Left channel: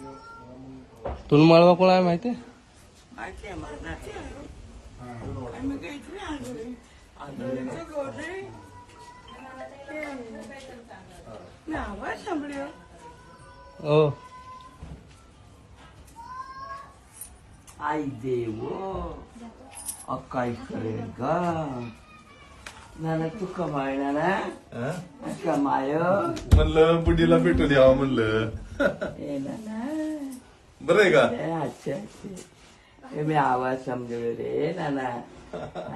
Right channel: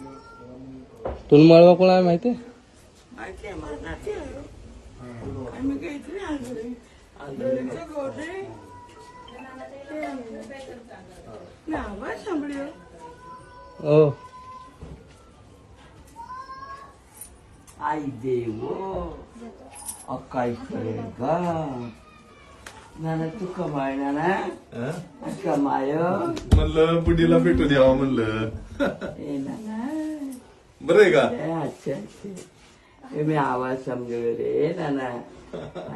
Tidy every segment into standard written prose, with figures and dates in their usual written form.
तुला मळवा कोण आहे माहिती? माहिती आहे मला नाते आहे. आम्ही काहीतरी आंधळीचं गोरे मी आवाज सांभळ्यो. हो आई देव काय करेल का नाना तू कमाय नाना कमाय म्हणलं बुडीला भेटून यावं म्हणलं. ए नाना बरं आहे का? अच्छे अच्छे मी आवाज समजू रे नाना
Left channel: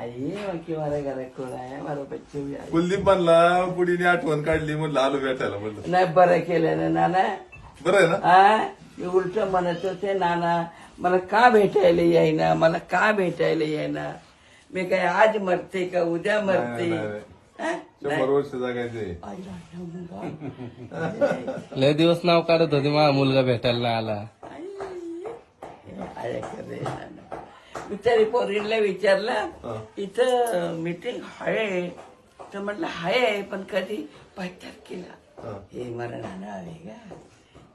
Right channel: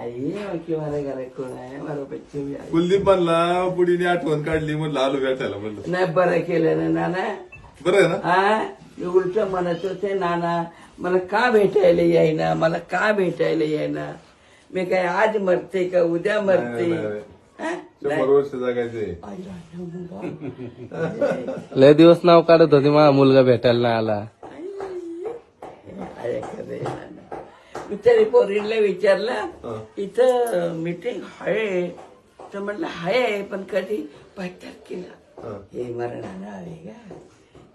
आई की मला घरात कोण आहे मला बच्चे भी आहे. कुलदीप म्हणला बुडीने आठवण काढली म्हणलं आलो भेटायला म्हणलं. नाही बरं केलं ना नाना. बरं आहे ना? हा उलट म्हणत होते नाना मला का भेटायला येईना मला का भेटायला येईना. मी काय आज मरते का उद्या मरते. नाही, नाही. हा? 100 वर्ष जगायचे. आई राजा मुलगा. लय दिवस नाव काढत होते माझा मुलगा भेटायला नाही आला. आहे खरं नाना. मी तरी पोरीला विचारलं इथं मीटिंग आहे तर म्हटलं आहे पण कधी 5 तारखेला. हे मरणानं आहे का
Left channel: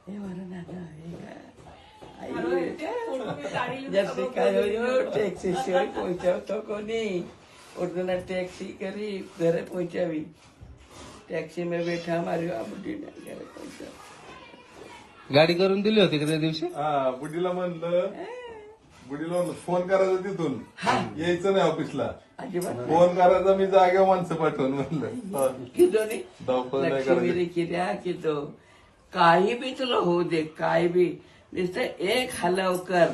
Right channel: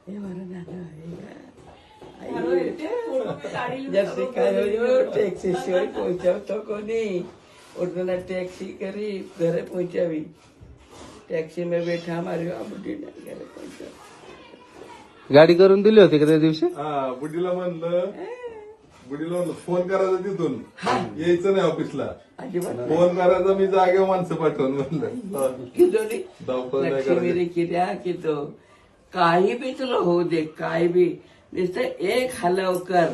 हे मरणानं आहे का. जैसे काय टॅक्सी शिवाय पोहोचवतो कोणी उठना टॅक्सी करी घरे पहुंचावी. टॅक्सी में बैठा हमारी बुढ़ी ने घरे पहुंचा. गाडी करून दिली होती का त्या दिवशी? हा बुडीला म्हणलं फोन करायचा तिथून यायचं नाही ऑफिसला. अजिबात फोन करायचा मी जागेवर माणसं पाठवून म्हणलं. किती धावपळ नाही लक्ष्मी करायची. रे कित्या कितो काही बी तुला होऊ दे काय बी नुसतं एक हलव कर